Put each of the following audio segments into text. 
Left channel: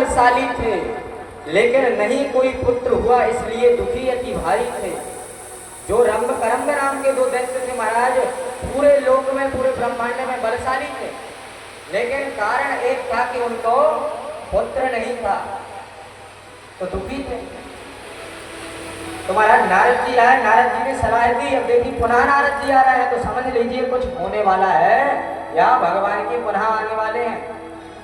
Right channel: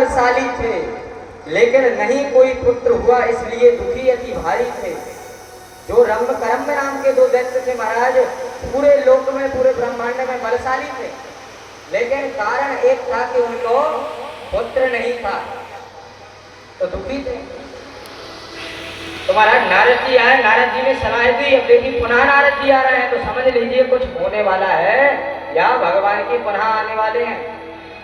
बलशाली थे, लेकिन नहीं कोई पुत्र हुआ, इसलिए दुखी अति भारी थे। जो रंभ करम्ब नाम के दो दैत्य थे महाराज, पूरे लोक में, पूरे ब्रह्मांड में बलशाली थे, लेकिन कारण एक था कि उनको पुत्र नहीं था, तो दुखी थे। तो महाराज नारद जी आए, नारद जी ने सलाह दी। अब देखिए पुनः नारद जी आ रहे हैं, तो समझ लीजिए कुछ होने वाला है या भगवान की पुनः आने वाले हैं।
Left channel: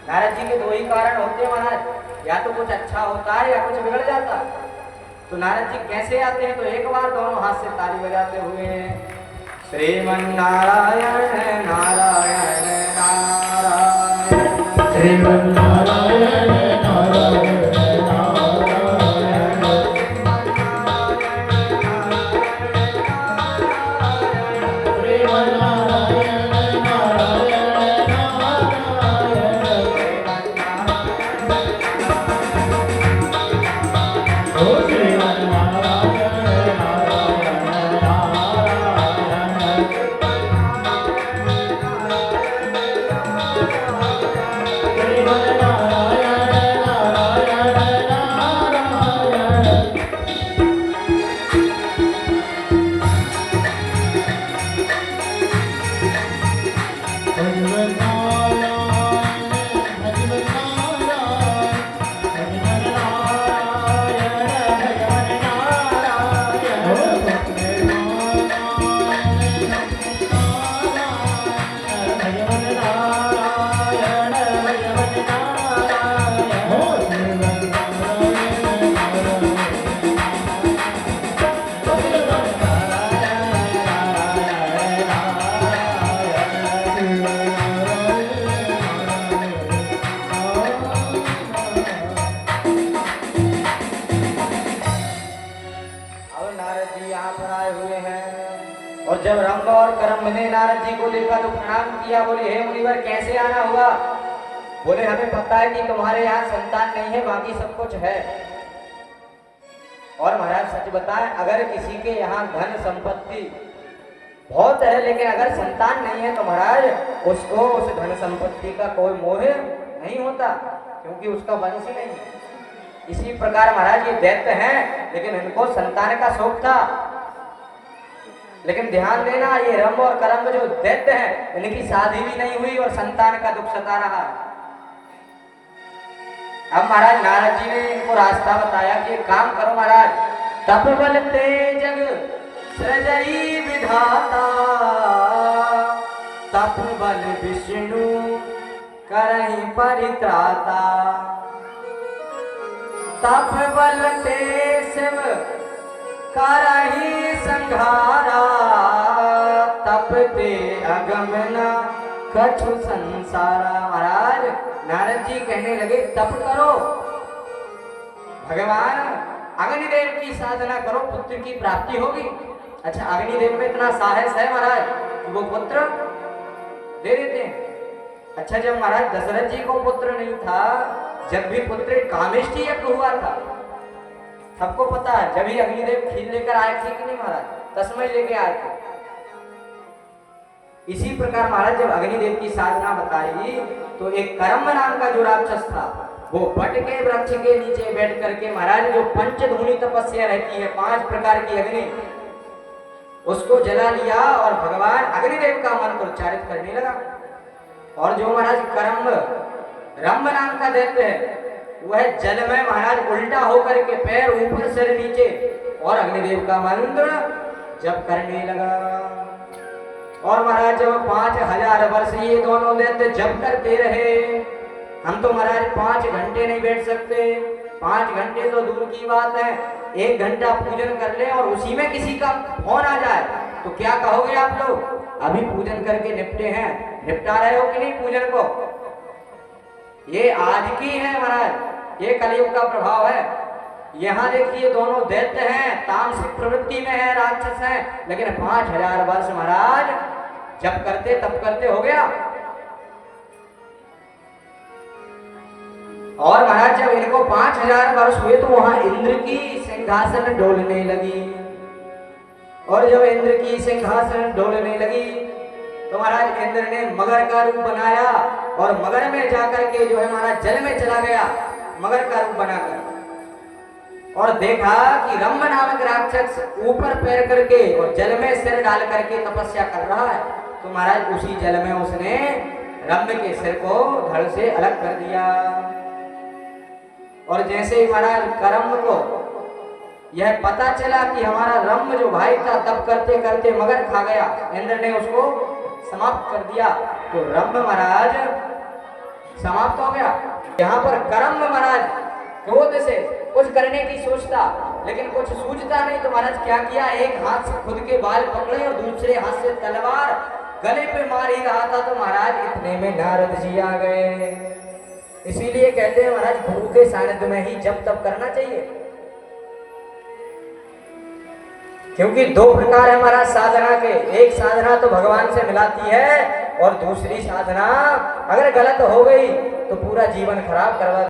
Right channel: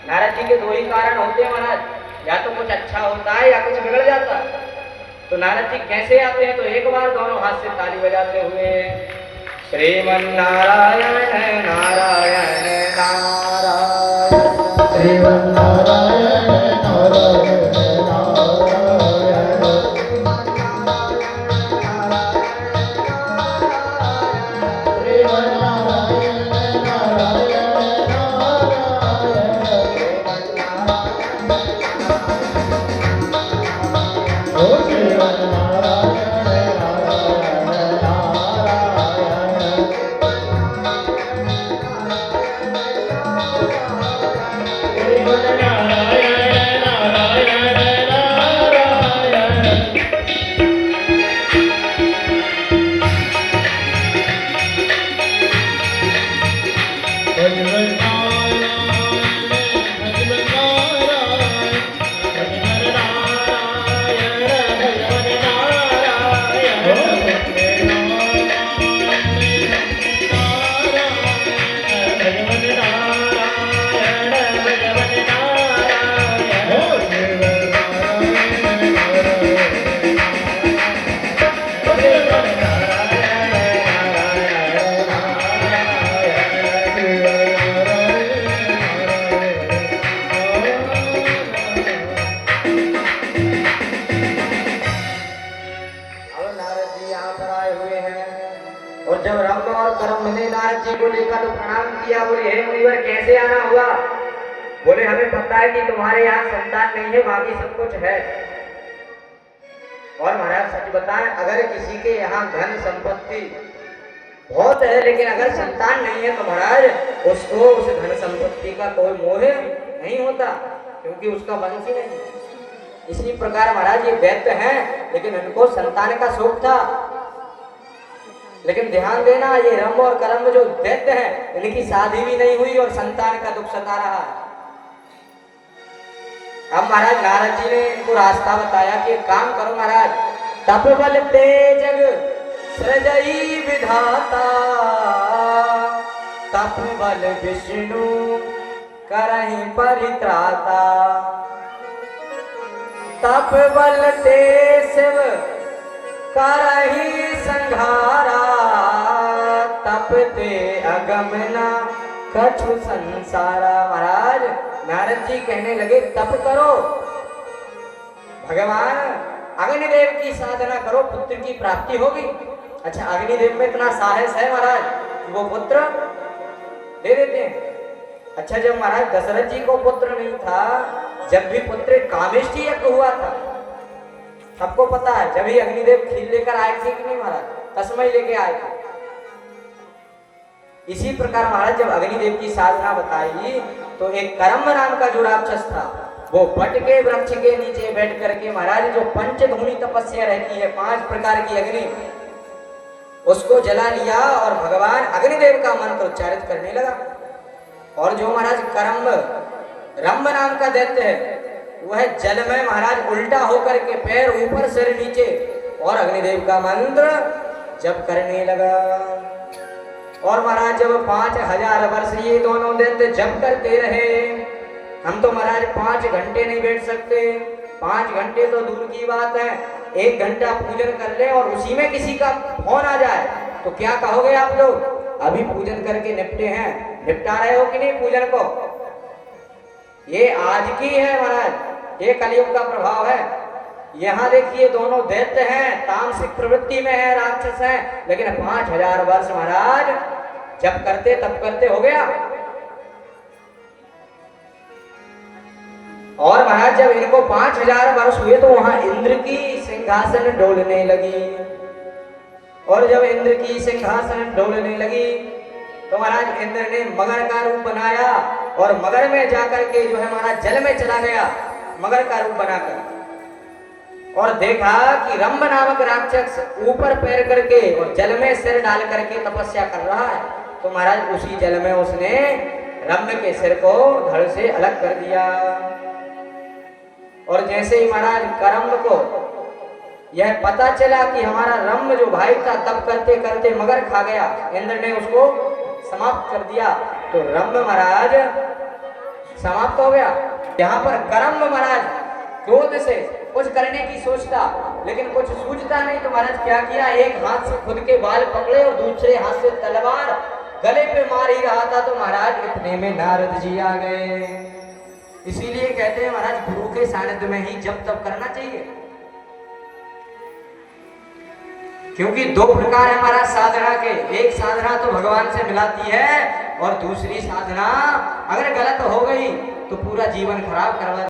नारद जी के दो ही कारण होते हैं महाराज, या तो कुछ अच्छा होता है या कुछ बिगड़ जाता है। तो नारद जी कैसे आते हैं, तो एक बार दोनों हाथ से ताली बजाते हुए श्रीमन नारायण नारायण नारायण, श्रीमन नारायण नारायण और जब रंभ और करम्ब ने नारद जी को देखा तो प्रणाम किया, बोले हे मुनिवर कैसे आना हुआ? बोले हमें पता है कि तुम्हारे यहाँ संतान नहीं है, बाकी सब कुछ है। और महाराज सच बताएं, अगर किसी के यहाँ धन संपत्ति बहुत है लेकिन अगर संतान नहीं है तो महाराज उसको उस धन संपत्ति का कोई मोह नहीं होता, क्योंकि उसका वंश ही नहीं है। इसी प्रकार महाराज ये दैत्य हैं, लेकिन इनको संतान का शौक था। लेकिन ध्यान देना, ये रंभ और करम्ब जो दैत्य हैं, इनकी शादी भी नहीं हुई और संतान का दुख सता रहा है। अब महाराज नारद जी ने इनको रास्ता बताया कि काम करो महाराज, तप बल तेज सृजई विधाता, तप बल विष्णु करहि परित्राता, तप बल ते शिव करहि संघारा, तप ते अगमना कछु संसारा। महाराज नारद जी कहने लगे तप करो, भगवान अग्निदेव की साधना करो, पुत्र की प्राप्ति होगी। अच्छा, अग्निदेव में इतना साहस है महाराज कि वो पुत्र दे देते हैं। अच्छा, जब महाराज दशरथ जी को पुत्र नहीं था, जब भी पुत्र कामेष्टि यज्ञ हुआ था, सबको पता है, जब ही अग्निदेव खीर लेकर आए थे कि नहीं महाराज, तस्मय लेके आए थे। इसी प्रकार महाराज जब अग्निदेव की साधना बताई तो एक करम्ब नाम का जो राक्षस था, वो बट के वृक्ष के नीचे बैठ करके महाराज जो पंचधूनी तपस्या रहती है, 5 प्रकार की अग्नि, उसको जला लिया और भगवान अग्निदेव का मंत्र उच्चारित करने लगा। और जो महाराज करम्ब रंभ नाम का दैत्य है, वह जल में महाराज उल्टा होकर के पैर ऊपर सिर नीचे और अग्निदेव का मंत्र जप करने लगा। और महाराज जब 5000 वर्ष ये दोनों दैत्य जप करते रहे, हम तो महाराज 5 घंटे नहीं बैठ सकते, 5 घंटे तो दूर की बात है, 1 घंटा पूजन कर ले और उसी में किसी का फोन आ जाए तो क्या कहोगे आप लोग? अभी पूजन करके निपटे हैं, निपटा रहे हो कि नहीं पूजन को? ये आज की है महाराज, ये कलयुग का प्रभाव है। यहाँ देखिए दोनों दैत्य हैं, तामसिक प्रवृत्ति में है, राक्षस हैं, लेकिन 5000 वर्ष महाराज जब करते तब करते हो गया। और महाराज जब इनको 5000 वर्ष हुए तो वहां इंद्र की सिंहासन डोलने लगी। और जब इंद्र की सिंहासन डोलने लगी तो महाराज इंद्र ने मगर का रूप बनाया और मगर में जाकर के जो है महाराज जल में चला गया। मगर का रूप बनाकर, और देखा कि रंभ नामक राक्षस ऊपर पैर करके और जल में सिर डाल करके तपस्या कर रहा है। तो महाराज उसी जल में उसने रंभ के सिर को धड़ से अलग कर दिया। और जैसे ही महाराज करम्ब को यह पता चला कि हमारा रंभ जो भाई था तप करते करते मगर खा गया, इंद्र ने उसको समाप्त कर दिया, तो रंभ महाराज समाप्त हो गया। यहाँ पर करम्ब महाराज क्रोध से कुछ करने की सोचता, लेकिन कुछ सूझता नहीं, तो महाराज क्या किया, एक हाथ से खुद के बाल पकड़े और दूसरे हाथ से तलवार गले पे मार ही रहा था। तो महाराज इतने में नारद जी आ गए। इसीलिए कहते हैं महाराज गुरु के सानिध्य में ही जप तप करना चाहिए, क्योंकि दो प्रकार है महाराज साधना के। एक साधना तो भगवान से मिलाती है, और दूसरी साधना अगर गलत हो गई तो पूरा जीवन खराब करवा